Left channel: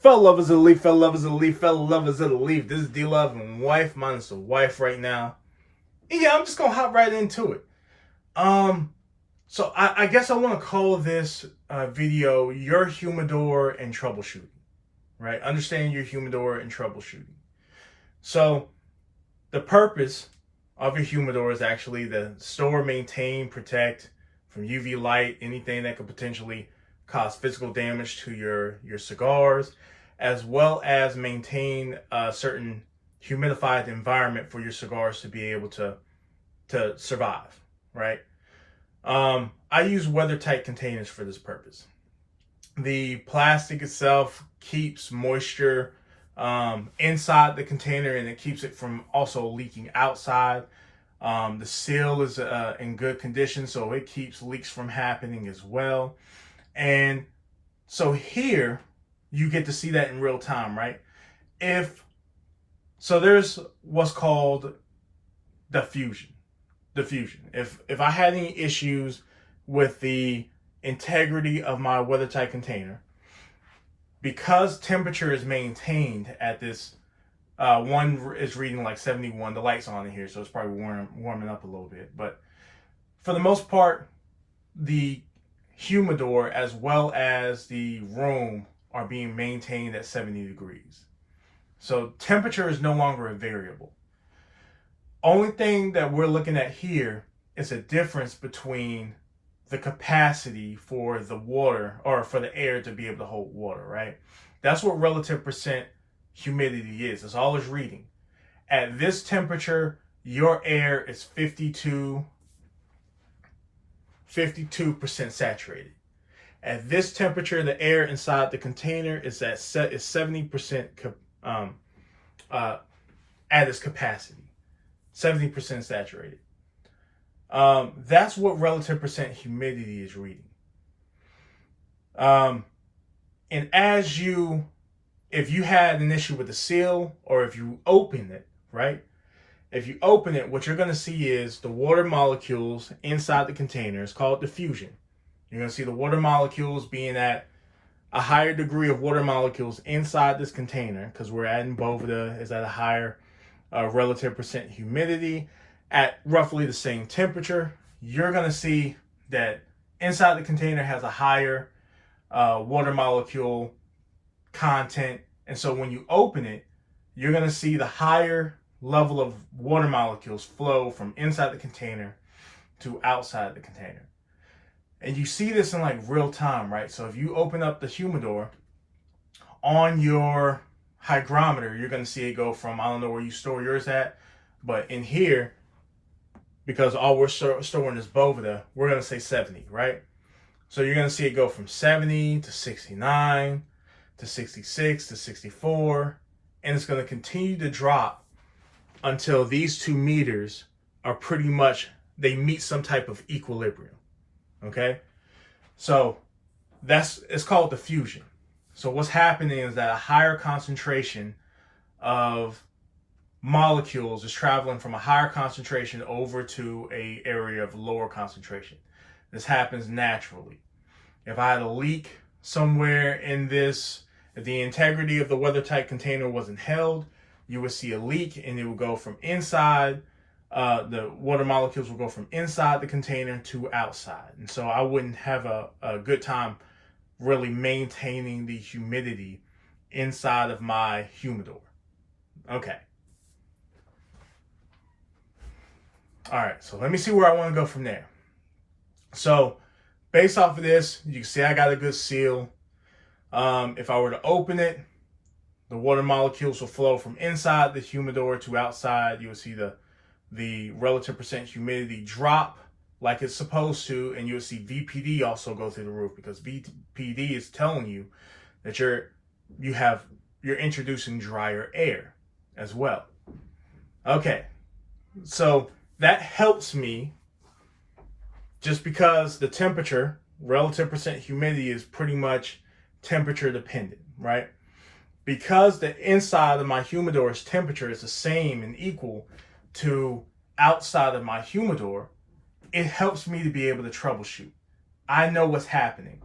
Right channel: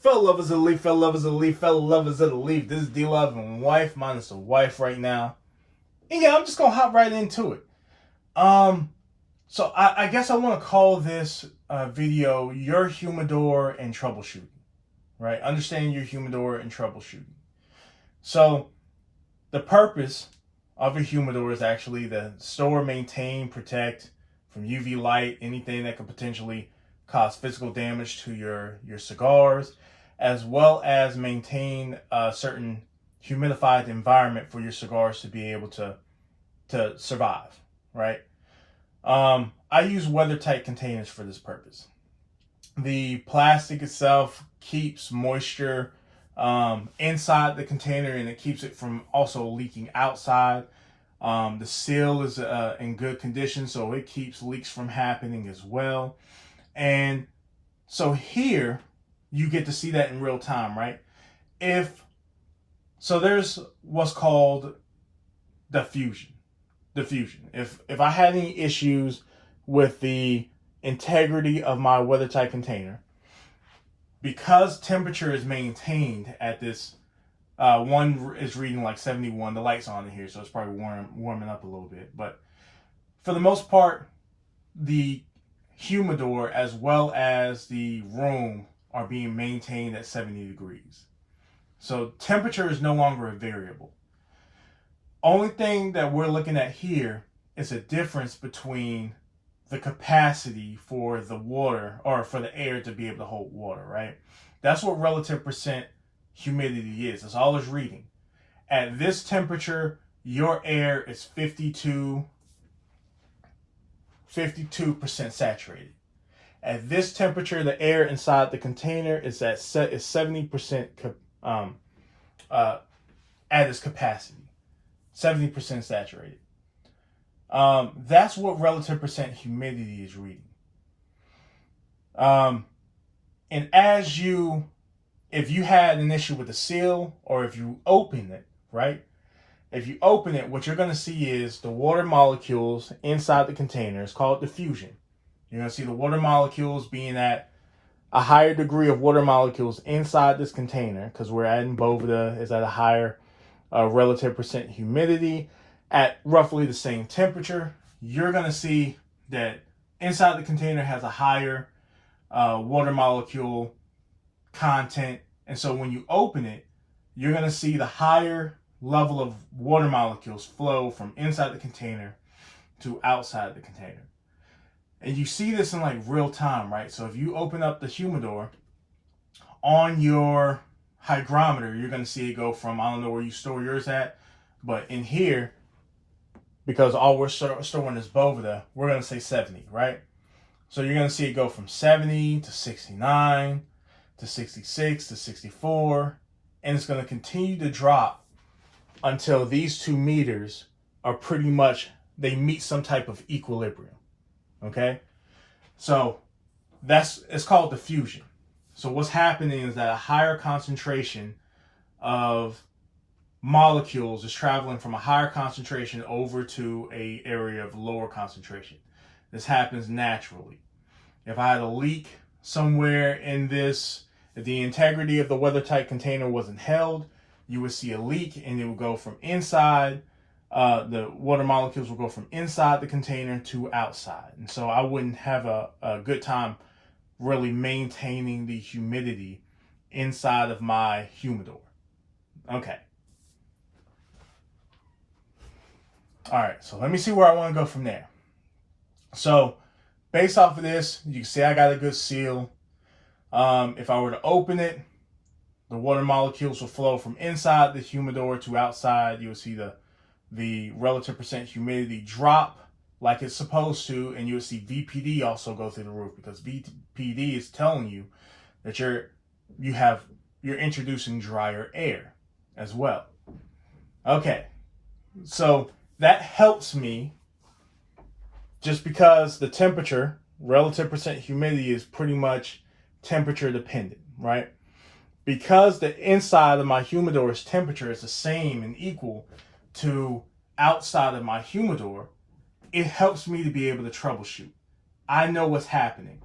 Fellow lovers of the leaf, fellow lovers of the leaf, fellow lovers of the leaf. This is D-Love and wife. Mine's a wife right now. And yeah, I'm just gonna hop right into it. So I guess I want to call this video "Your Humidor and Troubleshooting." Right? Understanding your humidor and troubleshooting. So the purpose of your humidor is actually to store, maintain, protect from UV light, anything that could potentially cause physical damage to your cigars, as well as maintain a certain humidified environment for your cigars to be able to survive, right? I use weather-tight containers for this purpose. The plastic itself keeps moisture inside the container, and it keeps it from also leaking outside. The seal is in good condition, so it keeps leaks from happening as well. And so here you get to see that in real time, right? There's what's called diffusion. If I had any issues with the integrity of my weather-tight container, because temperature is maintained at this, one is reading like 71. The light's on in here, so it's probably warming up a little bit. But for the most part, the humidor as well as the room are being maintained at 70 degrees. So temperature is no longer a variable. Only thing that we're looking at here is a difference between the capacity for the water or for the air to be able to hold water, right? That's what relative percent humidity is. That's all it's reading. At this temperature, your air is 52% saturated. At this temperature, the air inside the container is 70% at its capacity, 70% saturated. That's what relative percent humidity is reading. And if you had an issue with the seal, or if you open it, right? If you open it, what you're going to see is the water molecules inside the container. It's called diffusion. You're going to see the water molecules being at a higher degree of water molecules inside this container, because we're adding Boveda is at a higher relative percent humidity at roughly the same temperature. You're going to see that inside the container has a higher water molecule content. And so when you open it, you're going to see the higher level of water molecules flow from inside the container to outside the container. And you see this in like real time, right? So if you open up the humidor on your hygrometer, you're going to see it go from, I don't know where you store yours at, but in here, because all we're storing is Boveda, we're going to say 70, right? So you're going to see it go from 70 to 69 to 66 to 64, and it's going to continue to drop until these 2 meters are pretty much, they meet some type of equilibrium. Okay, so it's called diffusion. So what's happening is that a higher concentration of molecules is traveling from a higher concentration over to a area of lower concentration. This happens naturally. If I had a leak somewhere in this, if the integrity of the weather-tight container wasn't held, you would see a leak, and it would go from inside. The water molecules will go from inside the container to outside. And so I wouldn't have a good time really maintaining the humidity inside of my humidor. Okay. All right, so let me see where I want to go from there. So based off of this, you can see I got a good seal. If I were to open it, the water molecules will flow from inside the humidor to outside. You will see the relative percent humidity drop like it's supposed to, and you'll see VPD also go through the roof, because VPD is telling you that you're introducing drier air as well. Okay, so that helps me just because the temperature, relative percent humidity, is pretty much temperature dependent, right? Because the inside of my humidor's temperature is the same and equal to outside of my humidor, it helps me to be able to troubleshoot. I know what's happening.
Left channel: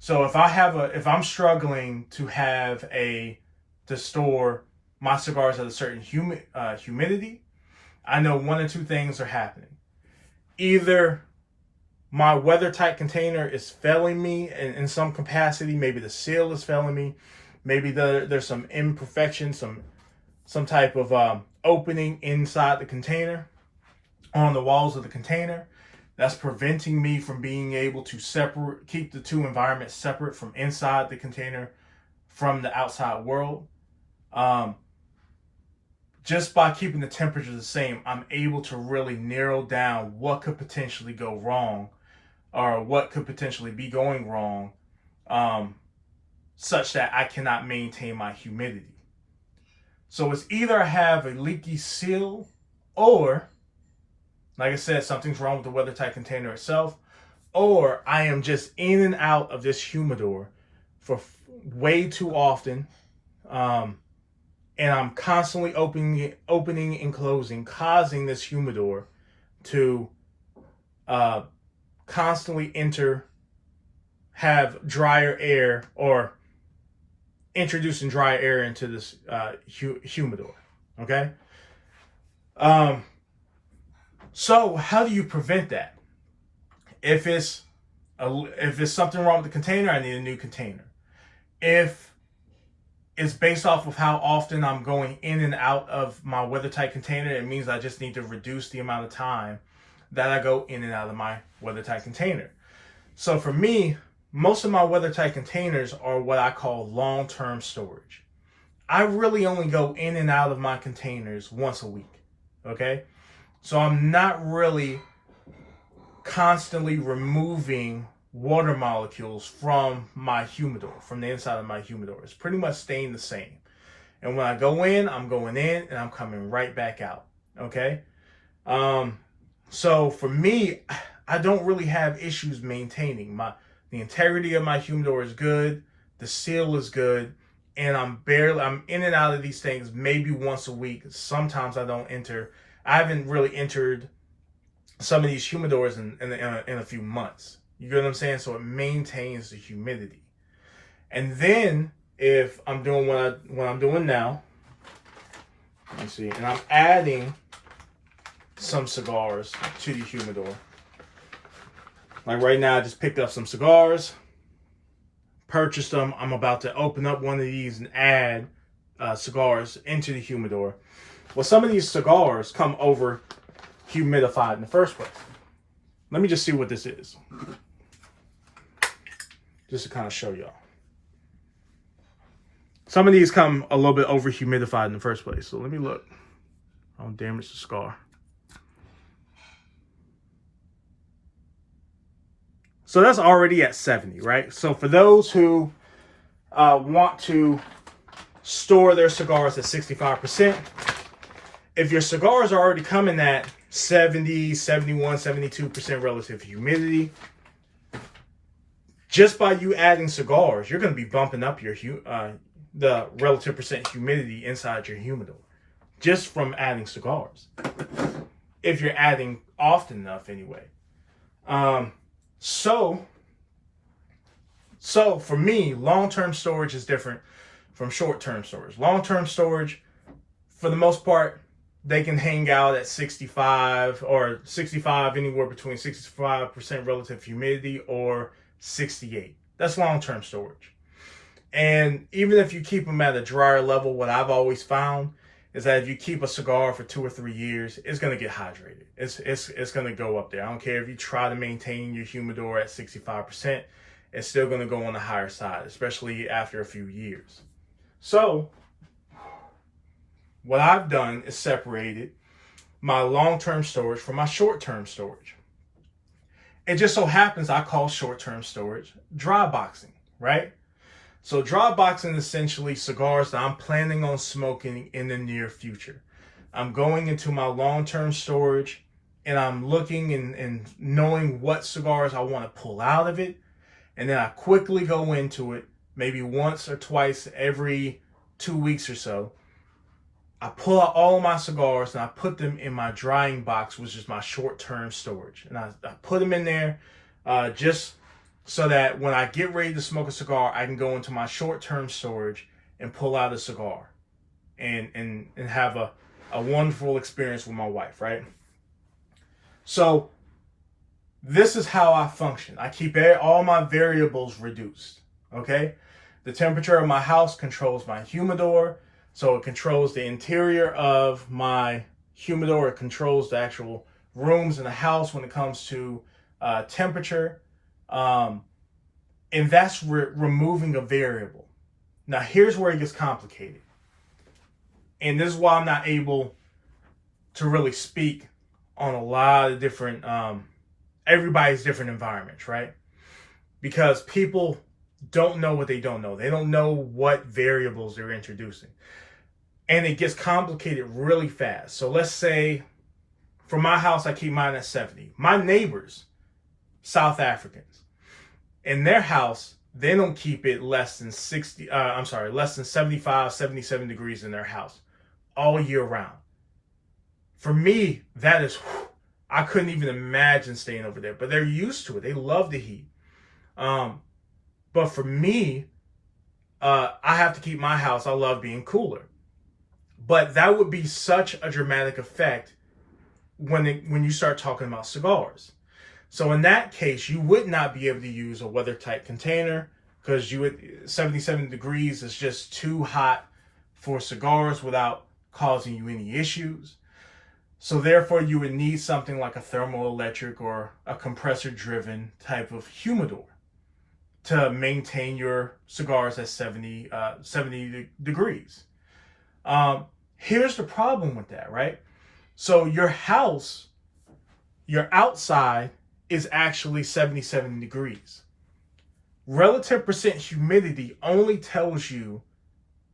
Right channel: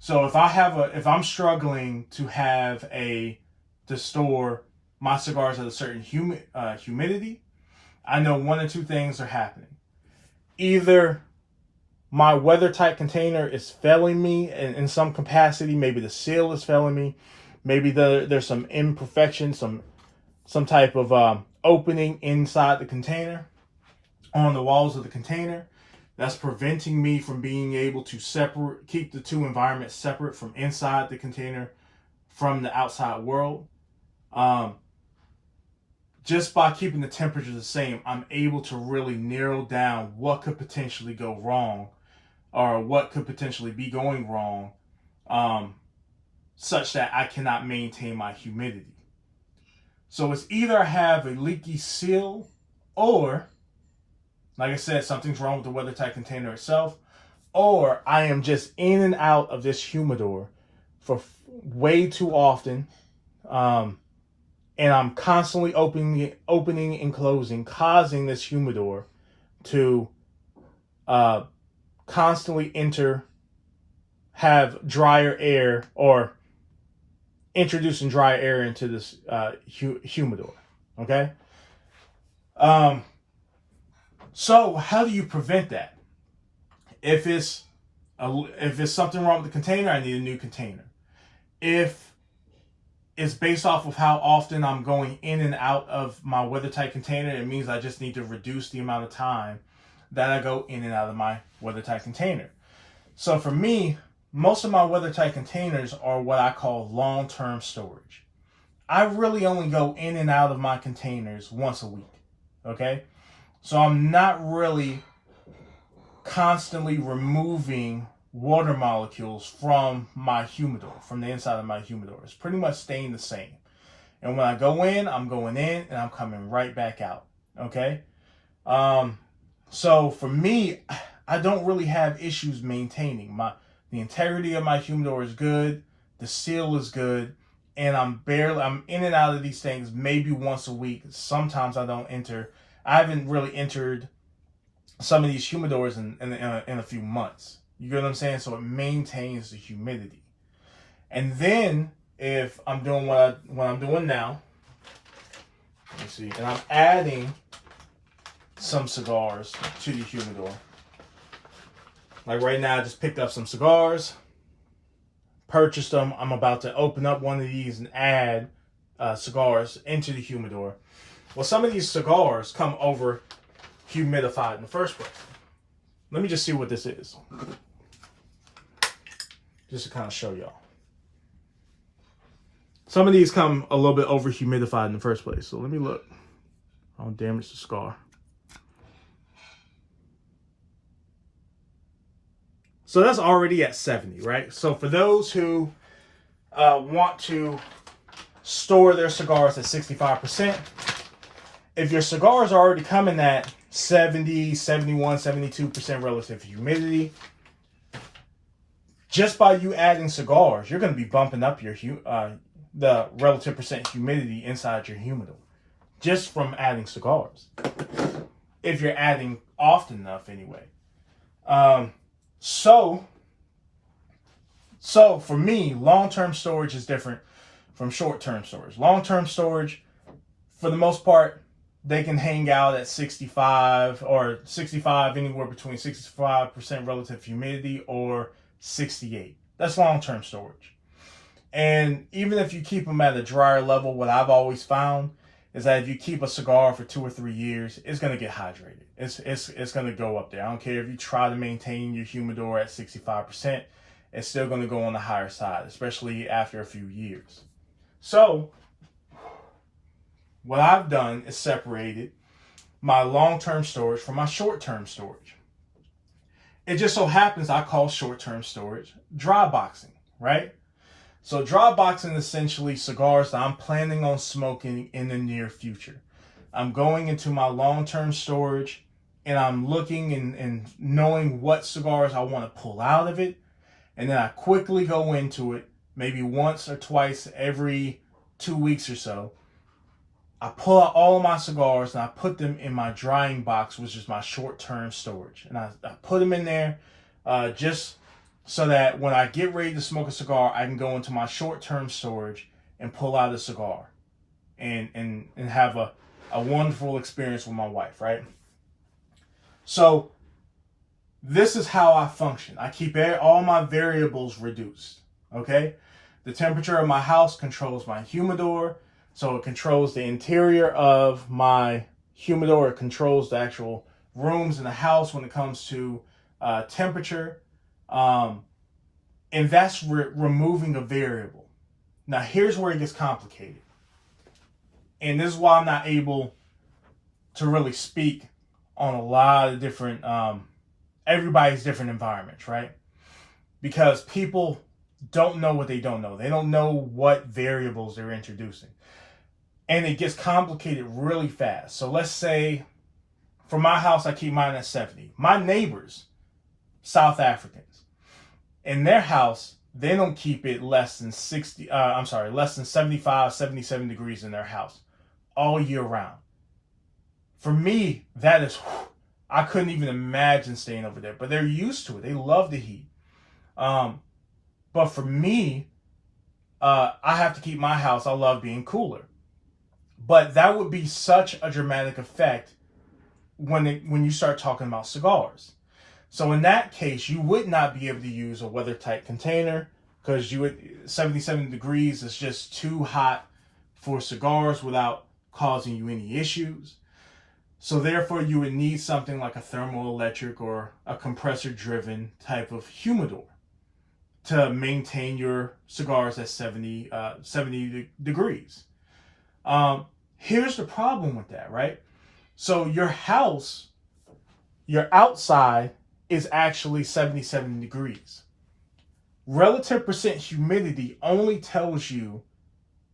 So if I'm struggling to store my cigars at a certain humidity, I know one or two things are happening. Either my weather tight container is failing me in some capacity. Maybe the seal is failing me. Maybe there's some imperfection, some type of opening inside the container, on the walls of the container, that's preventing me from being able to keep the two environments separate from inside the container from the outside world. Just by keeping the temperature the same, I'm able to really narrow down what could potentially go wrong, or what could potentially be going wrong, such that I cannot maintain my humidity. So it's either I have a leaky seal, or, like I said, something's wrong with the weather tight container itself, or I am just in and out of this humidor for way too often, and I'm constantly opening and closing, causing this humidor to constantly have drier air, or introducing dry air into this humidor. Okay. So how do you prevent that? If it's something wrong with the container, I need a new container. If it's based off of how often I'm going in and out of my weather tight container, it means I just need to reduce the amount of time that I go in and out of my weather tight container. So for me, most of my weather tight containers are what I call long-term storage. I really only go in and out of my containers once a week. Okay? So I'm not really constantly removing water molecules from my humidor, from the inside of my humidor. It's pretty much staying the same. And when I go in, I'm going in and I'm coming right back out. Okay? So for me, I don't really have issues maintaining. The integrity of my humidor is good, the seal is good, and I'm in and out of these things maybe once a week. Sometimes I haven't really entered some of these humidors in a few months. You get what I'm saying? So it maintains the humidity. And then if I'm doing what I'm doing now, let me see, and I'm adding some cigars to the humidor. Like right now, I just picked up some cigars, purchased them. I'm about to open up one of these and add cigars into the humidor. Well, some of these cigars come over humidified in the first place. Let me just see what this is, just to kind of show y'all. Some of these come a little bit over humidified in the first place. So let me look. I don't damage the cigar. So that's already at 70, right? So for those who want to store their cigars at 65%, if your cigars are already coming at 70, 71, 72% relative humidity, just by you adding cigars, you're going to be bumping up your the relative percent humidity inside your humidor just from adding cigars. If you're adding often enough, anyway. So for me, long-term storage is different from short-term storage. Long-term storage, for the most part, they can hang out at 65, anywhere between 65% relative humidity or 68. That's long-term storage. And even if you keep them at a drier level, what I've always found is that if you keep a cigar for 2 or 3 years, it's going to get hydrated. It's going to go up there. I don't care if you try to maintain your humidor at 65%, it's still going to go on the higher side, especially after a few years. So what I've done is separated my long-term storage from my short-term storage. It just so happens I call short-term storage dry boxing, right? So dry boxing is essentially cigars that I'm planning on smoking in the near future. I'm going into my long-term storage and I'm looking and knowing what cigars I want to pull out of it. And then I quickly go into it, maybe once or twice every 2 weeks or so. I pull out all of my cigars and I put them in my drying box, which is my short-term storage. And I put them in there just so that when I get ready to smoke a cigar, I can go into my short-term storage and pull out a cigar and have a wonderful experience with my wife, right? So this is how I function. I keep all my variables reduced, okay? The temperature of my house controls my humidor, so it controls the interior of my humidor. It controls the actual rooms in the house when it comes to temperature. And that's removing a variable. Now, here's where it gets complicated. And this is why I'm not able to really speak on a lot of different, everybody's different environments, right? Because people don't know what they don't know. They don't know what variables they're introducing. And it gets complicated really fast. So let's say for my house, I keep mine at 70. My neighbors, South Africans, in their house, they don't keep it less than less than 75, 77 degrees in their house all year round. For me, that is, I couldn't even imagine staying over there, but they're used to it. They love the heat. But for me, I have to keep my house, I love being cooler. But that would be such a dramatic effect when you start talking about cigars. So in that case, you would not be able to use a weather-tight container because 77 degrees is just too hot for cigars without causing you any issues. So therefore, you would need something like a thermoelectric or a compressor-driven type of humidor to maintain your cigars at 70 degrees. Here's the problem with that, right? So your house, your outside is actually 77 degrees. Relative percent humidity only tells you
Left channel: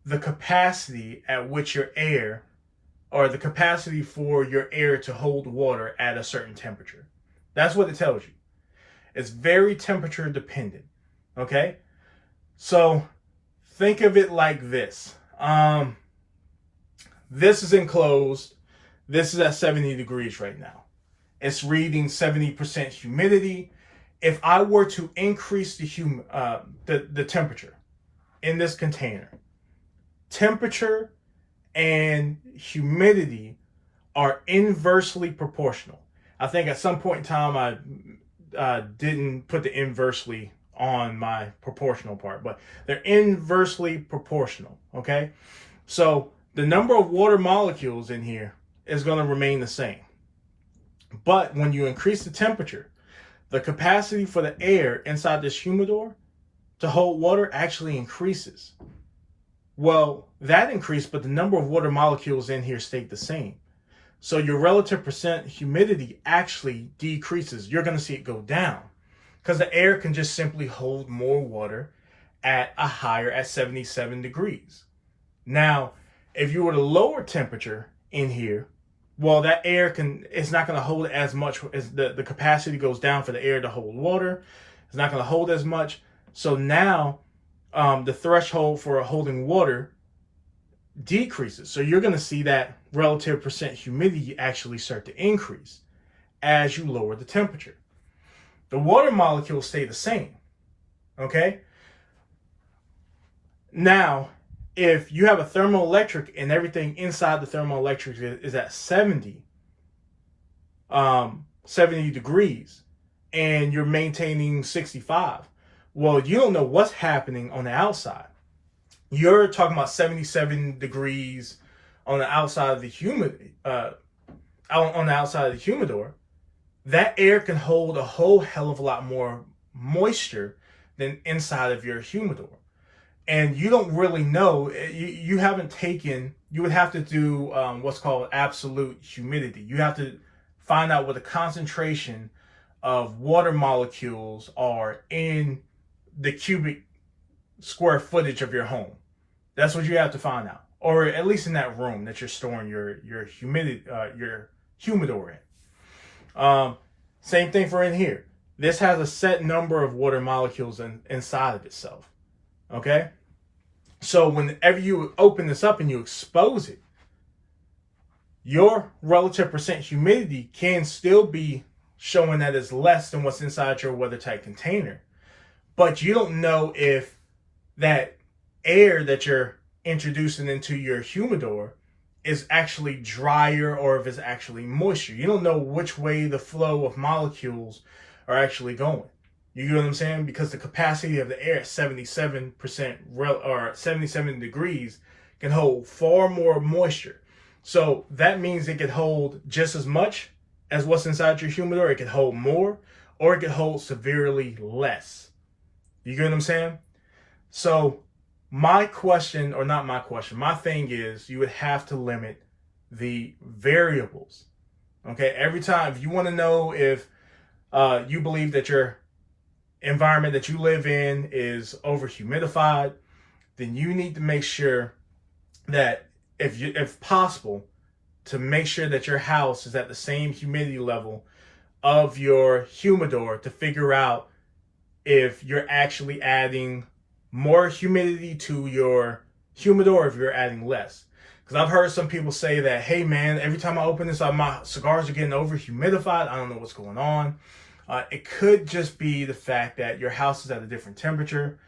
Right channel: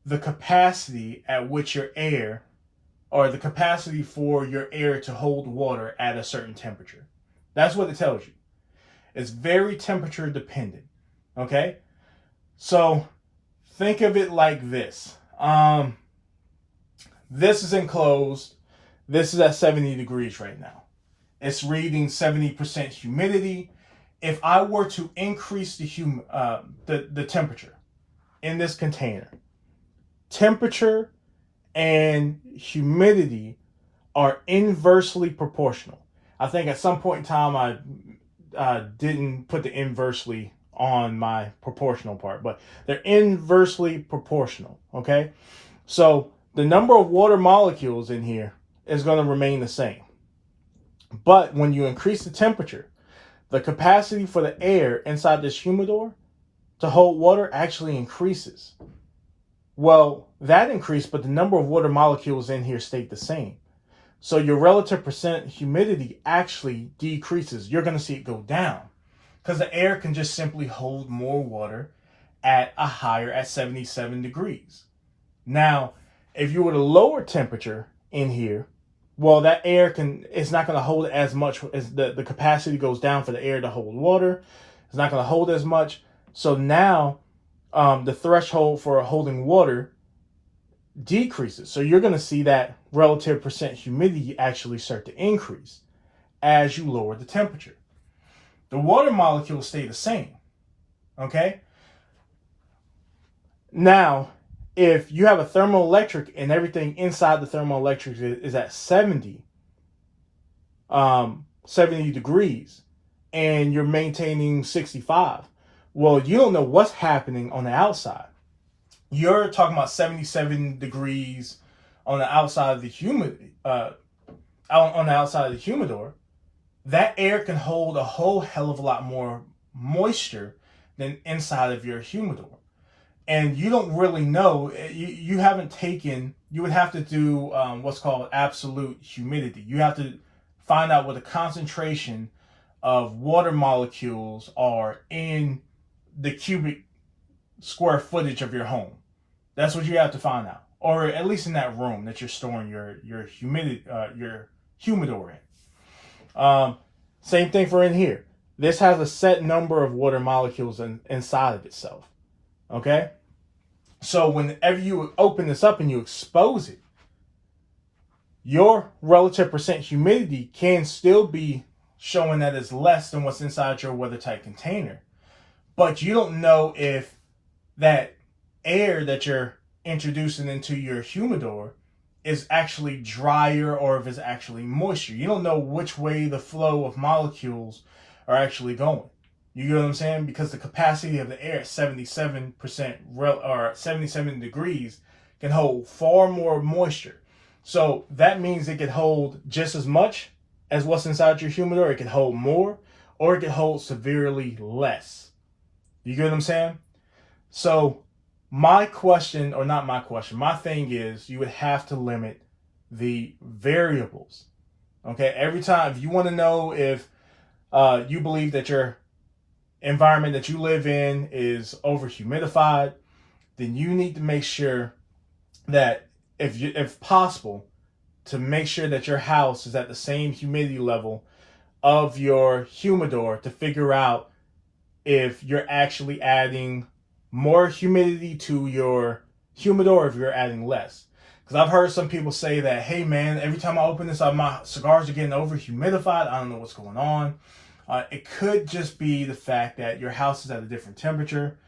the capacity at which your air, or the capacity for your air to hold water at a certain temperature. That's what it tells you. It's very temperature dependent. Okay? So think of it like this. This is enclosed. This is at 70 degrees right now. It's reading 70% humidity. If I were to increase the temperature in this container, temperature and humidity are inversely proportional. I think at some point in time I didn't put the inversely on my proportional part, but they're inversely proportional, okay? So the number of water molecules in here is going to remain the same. But when you increase the temperature, the capacity for the air inside this humidor to hold water actually increases. Well, that increased, but the number of water molecules in here stayed the same. So your relative percent humidity actually decreases. You're going to see it go down because the air can just simply hold more water at 77 degrees. Now, if you were to lower temperature in here, well, that air it's not going to hold as much as the capacity goes down for the air to hold water. It's not going to hold as much. So now the threshold for holding water decreases. So you're going to see that relative percent humidity actually start to increase as you lower the temperature. The water molecules stay the same. Okay? Now, if you have a thermoelectric and everything inside the thermoelectric is at 70 degrees and you're maintaining 65, well, you don't know what's happening on the outside. You're talking about 77 degrees on the outside of the on the outside of the humidor. That air can hold a whole hell of a lot more moisture than inside of your humidor. And you don't really know, you would have to do what's called absolute humidity. You have to find out what the concentration of water molecules are in the cubic square footage of your home. That's what you have to find out. Or at least in that room that you're storing your humidor in. Same thing for in here. This has a set number of water molecules inside of itself. Okay? So whenever you open this up and you expose it, your relative percent humidity can still be showing that it's less than what's inside your weather-tight container. but you don't know if that air that you're introducing into your humidor is actually drier or if it's actually moisture. You don't know which way the flow of molecules are actually going. You get what I'm saying? Because the capacity of the air at 77% or 77 degrees can hold far more moisture. So that means it can hold just as much as what's inside your humidor. It can hold more, or it can hold severely less. You get what I'm saying? So my question, or not my question, my thing is you would have to limit the variables. Okay, every time, if you want to know if you believe that your environment that you live in is over humidified, then you need to make sure that if possible, to make sure that your house is at the same humidity level of your humidor to figure out if you're actually adding more humidity to your humidor or if you're adding less. Because I've heard some people say that, hey man, every time I open this up, my cigars are getting over humidified. I don't know what's going on. It could just be the fact that your house is at a different temperature.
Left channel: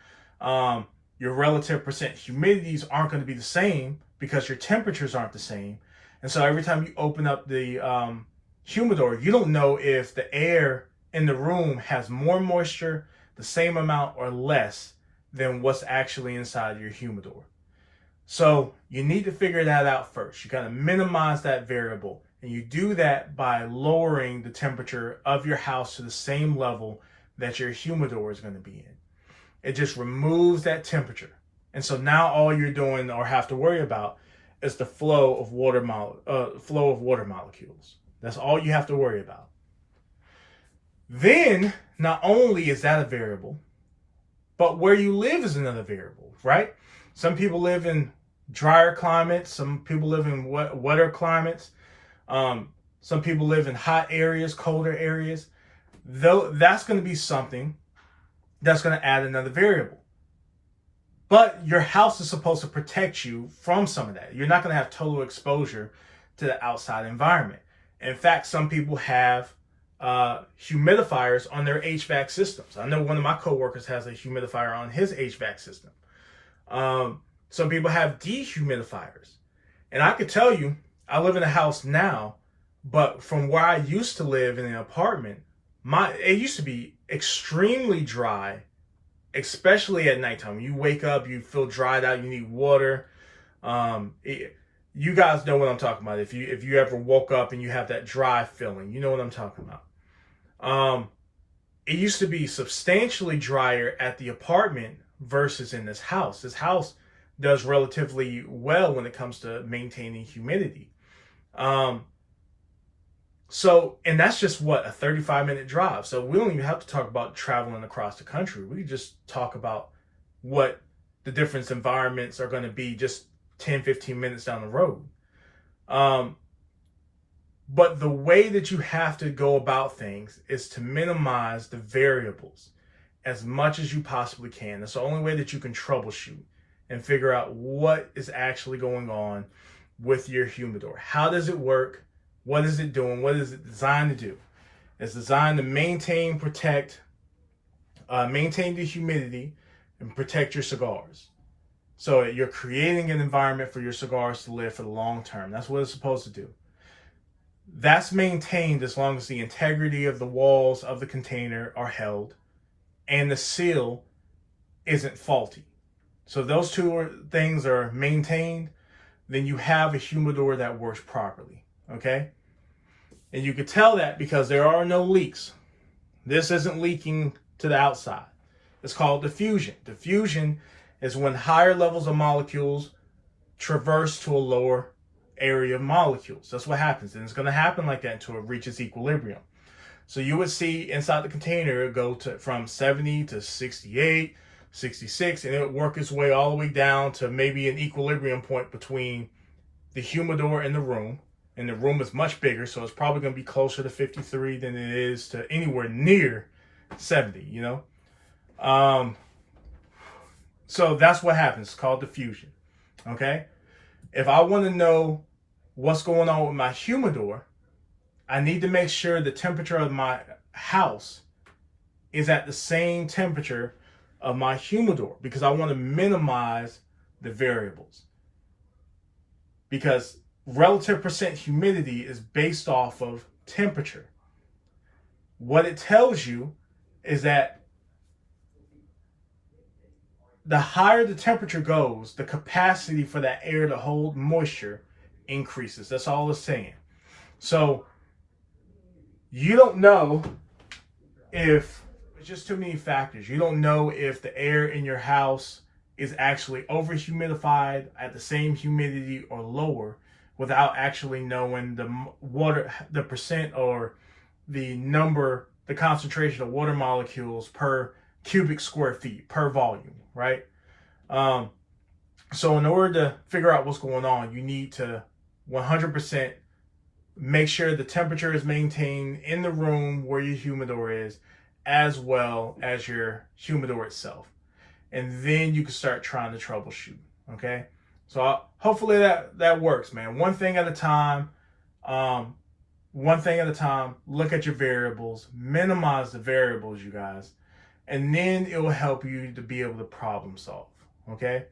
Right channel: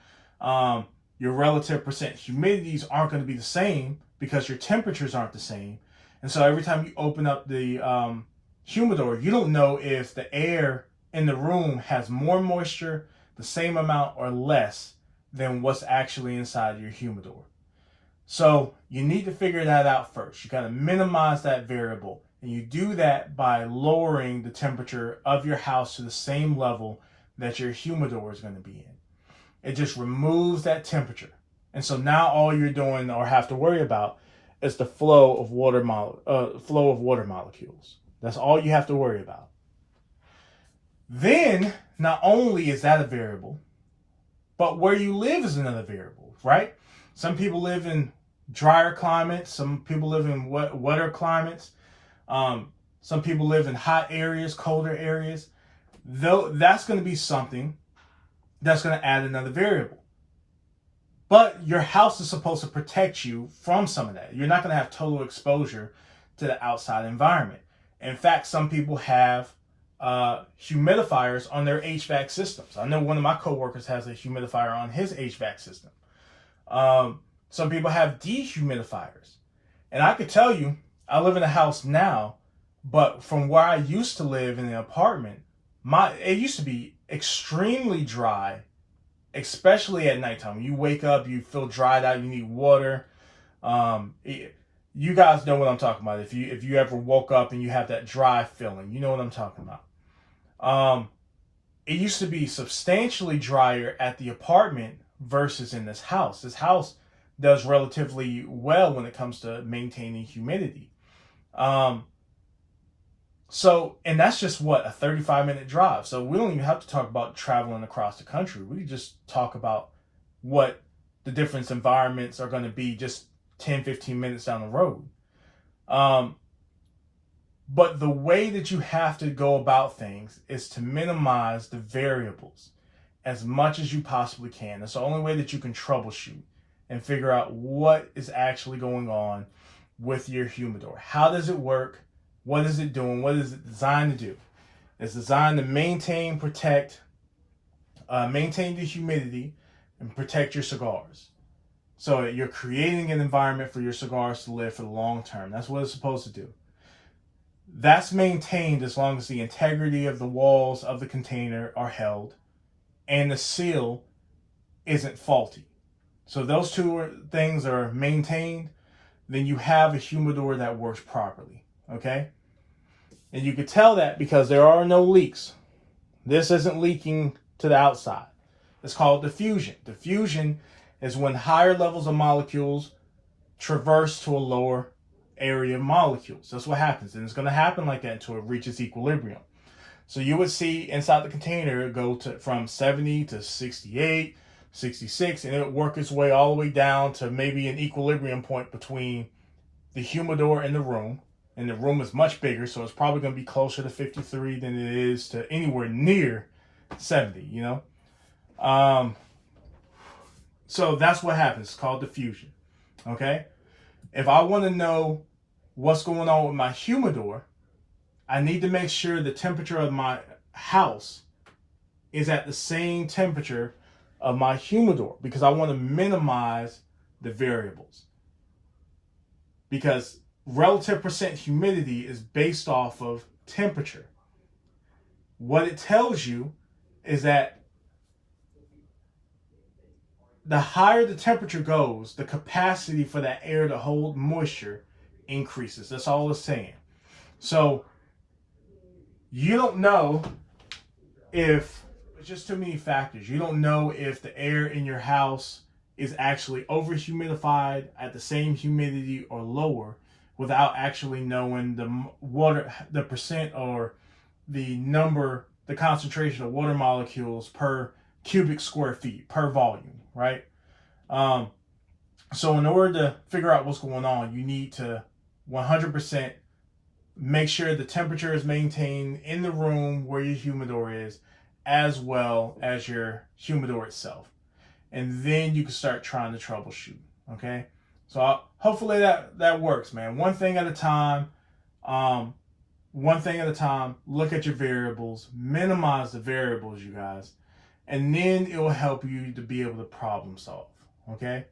Your relative percent humidities aren't going to be the same because your temperatures aren't the same. And so every time you open up the humidor, you don't know if the air in the room has more moisture, the same amount, or less than what's actually inside your humidor. So you need to figure that out first. You got to minimize that variable. And you do that by lowering the temperature of your house to the same level that your humidor is going to be in. It just removes that temperature. And so now all you're doing or have to worry about is the flow of water molecules. That's all you have to worry about. Then, not only is that a variable, but where you live is another variable, right? Some people live in drier climates. Some people live in wetter climates. Some people live in hot areas, colder areas. Though that's going to be something that's going to add another variable. But your house is supposed to protect you from some of that. You're not going to have total exposure to the outside environment. In fact, some people have humidifiers on their HVAC systems. I know one of my coworkers has a humidifier on his HVAC system. Some people have dehumidifiers. And I could tell you, I live in a house now, but from where I used to live in an apartment, it used to be extremely dry, especially at nighttime. You wake up, you feel dried out, you need water. You guys know what I'm talking about. If you ever woke up and you have that dry feeling, you know what I'm talking about. It used to be substantially drier at the apartment versus in this house. This house does relatively well when it comes to maintaining humidity. And that's just what, a 35-minute drive. So we don't even have to talk about traveling across the country. We just talk about what the different environments are going to be just 10, 15 minutes down the road. But the way that you have to go about things is to minimize the variables as much as you possibly can. That's the only way that you can troubleshoot and figure out what is actually going on with your humidor. How does it work? What is it doing? What is it designed to do? It's designed to maintain the humidity and protect your cigars. So you're creating an environment for your cigars to live for the long term. That's what it's supposed to do. That's maintained as long as the integrity of the walls of the container are held and the seal isn't faulty. So those two things are maintained, then you have a humidor that works properly, okay? And you could tell that because there are no leaks. This isn't leaking to the outside. It's called diffusion. Diffusion is when higher levels of molecules traverse to a lower area of molecules. That's what happens. And it's going to happen like that until it reaches equilibrium. So you would see inside the container go from 70 to 68, 66, and it would work its way all the way down to maybe an equilibrium point between the humidor and the room. And the room is much bigger, so it's probably going to be closer to 53 than it is to anywhere near 70, you know? So that's what happens. It's called diffusion, okay? If I want to know what's going on with my humidor, I need to make sure the temperature of my house is at the same temperature of my humidor because I want to minimize the variables. Because relative percent humidity is based off of temperature. What it tells you is that the higher the temperature goes, the capacity for that air to hold moisture increases. That's all it's saying. So you don't know if it's just too many factors. You don't know if the air in your house is actually over humidified at the same humidity or lower without actually knowing the percent or the number, the concentration of water molecules per cubic square feet per volume, right? So in order to figure out what's going on, you need to 100% make sure the temperature is maintained in the room where your humidor is, as well as your humidor itself. And then you can start trying to troubleshoot. Okay, so hopefully that works, man. One thing at a time. One thing at a time. Look at your variables. Minimize the variables, you guys, and then it will help you to be able to problem solve. Okay,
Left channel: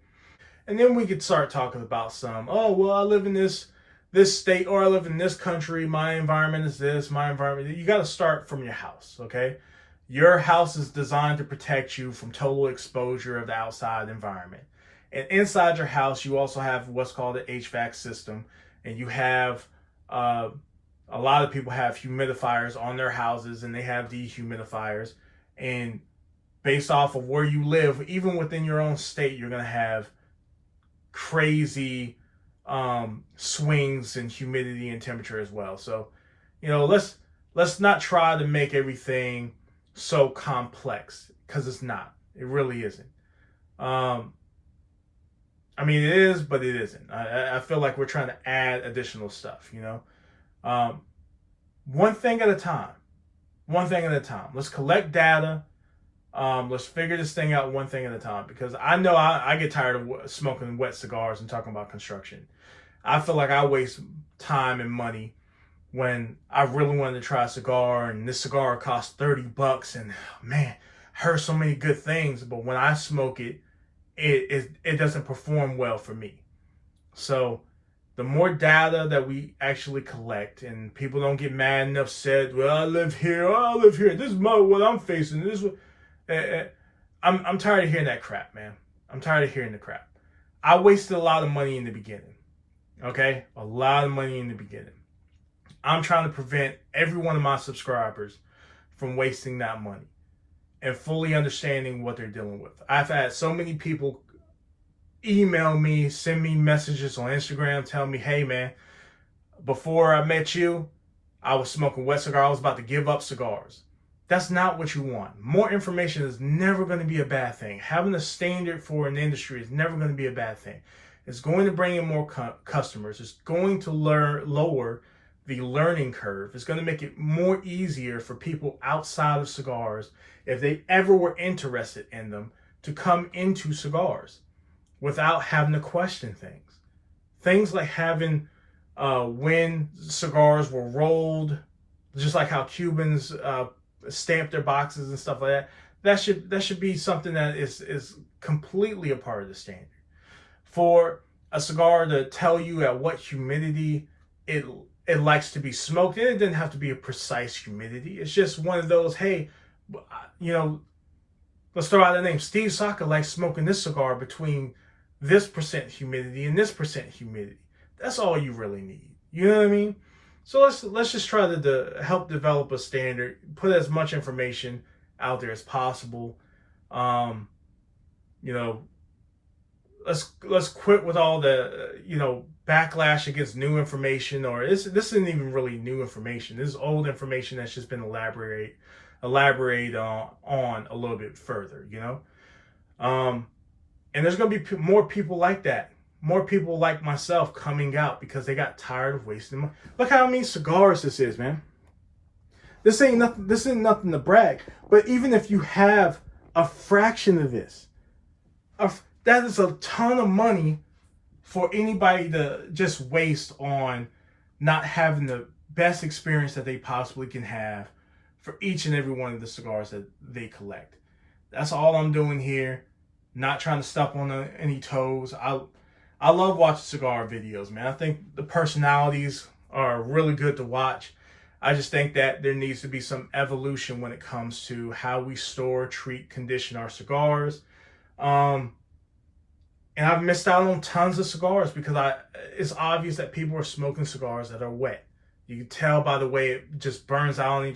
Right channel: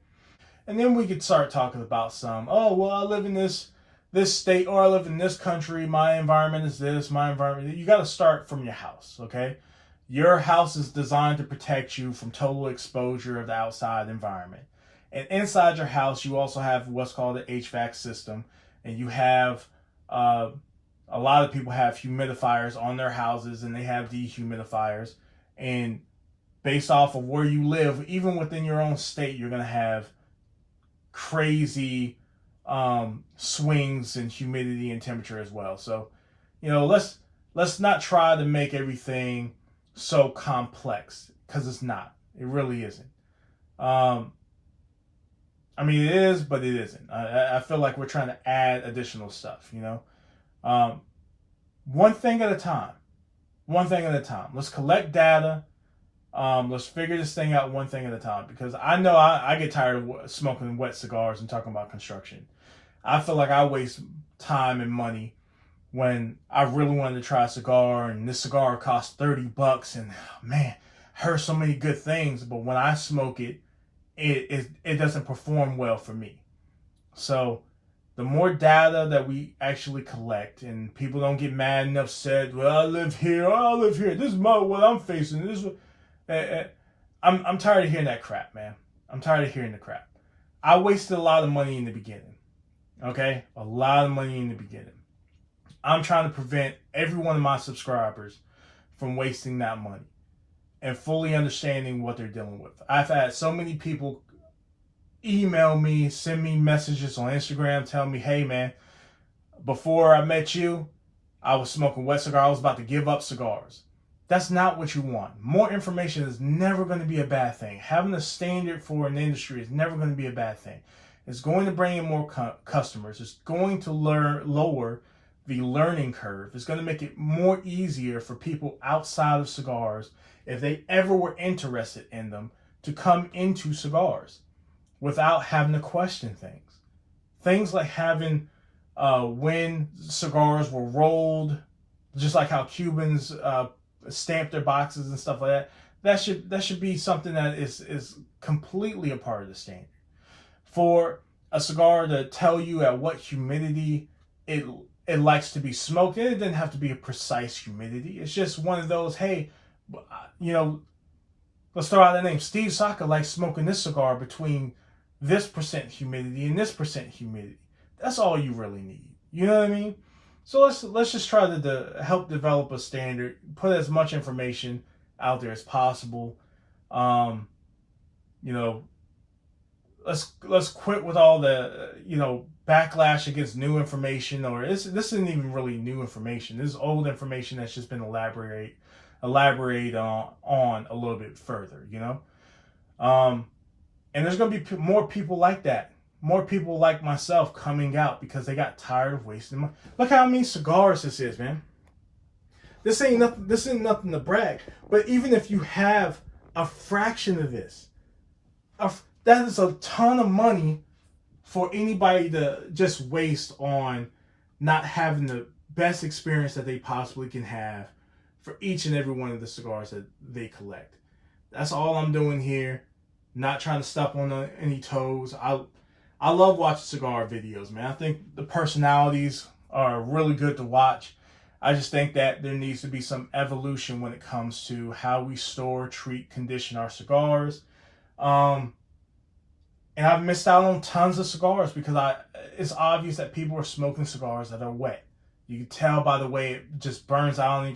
and then we could start talking about some. Oh well, I live in this state, or I live in this country. My environment is this. My environment. You got to start from your house. Okay. Your house is designed to protect you from total exposure of the outside environment. And inside your house, you also have what's called the HVAC system. And you have, a lot of people have humidifiers on their houses, and they have dehumidifiers. And based off of where you live, even within your own state, you're going to have crazy swings in humidity and temperature as well. So, let's not try to make everything so complex, because it's not. It really isn't. I mean, it is, but it isn't. I feel like we're trying to add additional stuff, one thing at a time. One thing at a time. Let's collect data. Let's figure this thing out one thing at a time, because I know I get tired of smoking wet cigars and talking about construction. I feel like I waste time and money when I really wanted to try a cigar, and this cigar cost $30, and man, I heard so many good things, but when I smoke it, it doesn't perform well for me. So the more data that we actually collect, and people don't get mad and upset, well, I live here, this is what I'm facing, this is I'm tired of hearing that crap, man. I'm tired of hearing the crap. I wasted a lot of money in the beginning. Okay? A lot of money in the beginning. I'm trying to prevent every one of my subscribers from wasting that money and fully understanding what they're dealing with. I've had so many people email me, send me messages on Instagram, tell me, hey man, before I met you, I was smoking wet cigar. I was about to give up cigars. That's not what you want. More information is never going to be a bad thing. Having a standard for an industry is never going to be a bad thing. It's going to bring in more customers. It's going to lower the learning curve. It's going to make it more easier for people outside of cigars, if they ever were interested in them, to come into cigars without having to question things. Things like having when cigars were rolled, just like how Cubans stamp their boxes and stuff like that. That should be something that is completely a part of the standard. For a cigar to tell you at what humidity it likes to be smoked, and it doesn't have to be a precise humidity. It's just one of those, hey, let's throw out the name. Steve Saka likes smoking this cigar between this percent humidity and this percent humidity. That's all you really need. You know what I mean? So let's just try to help develop a standard, put as much information out there as possible. Let's quit with all the backlash against new information, or this isn't even really new information. This is old information that's just been elaborate on a little bit further, and there's going to be more people like that, more people like myself coming out because they got tired of wasting money. Look how many cigars this is, man. This ain't nothing to brag, but even if you have a fraction of this, that is a ton of money for anybody to just waste on not having the best experience that they possibly can have for each and every one of the cigars that they collect. That's all I'm doing here. Not trying to step on any toes. I love watching cigar videos, man. I think the personalities are really good to watch. I just think that there needs to be some evolution when it comes to how we store, treat, condition our cigars. And I've missed out on tons of cigars because it's obvious that people are smoking cigars that are wet. You can tell by the way it just burns out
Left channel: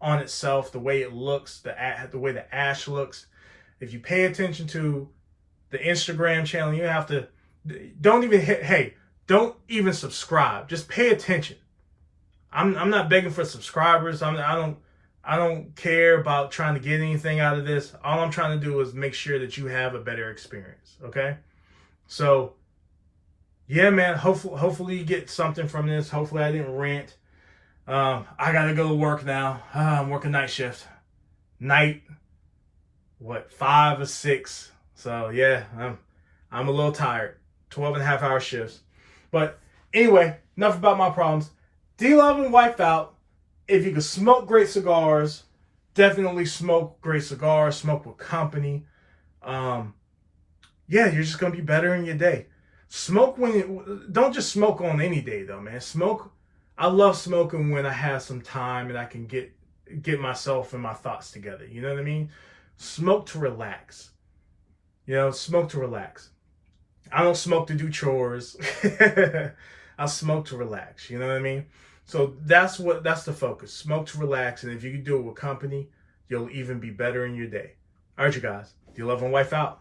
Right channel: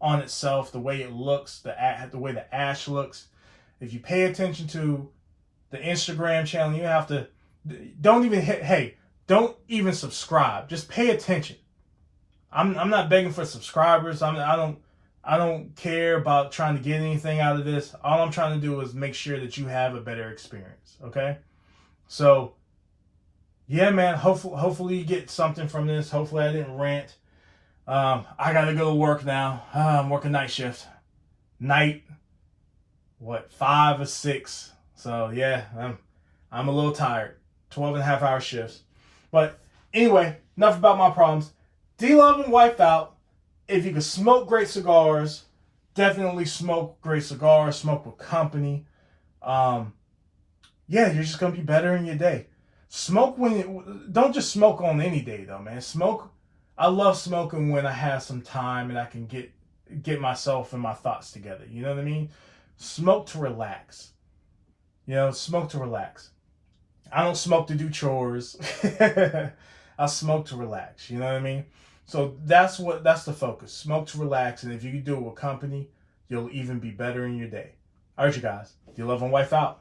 on itself, the way it looks, the way the ash looks. If you pay attention to the Instagram channel, you have to, don't even subscribe. Just pay attention. I'm not begging for subscribers. I don't care about trying to get anything out of this. All I'm trying to do is make sure that you have a better experience. Okay? So, yeah, man. Hopefully you get something from this. Hopefully I didn't rant. I gotta go to work now. I'm working night shift. 5 or 6. So yeah, I'm a little tired. 12.5-hour shifts. But anyway, enough about my problems. D-Love and wipe out. If you can smoke great cigars, definitely smoke great cigars. Smoke with company. Yeah, you're just gonna be better in your day. Don't just smoke on any day though, man. I love smoking when I have some time and I can get myself and my thoughts together. You know what I mean? Smoke to relax. Smoke to relax. I don't smoke to do chores. I smoke to relax. You know what I mean? So that's the focus. Smoke to relax, and if you can do it with company, you'll even be better in your day. All right, you guys. D-Love and wipe out.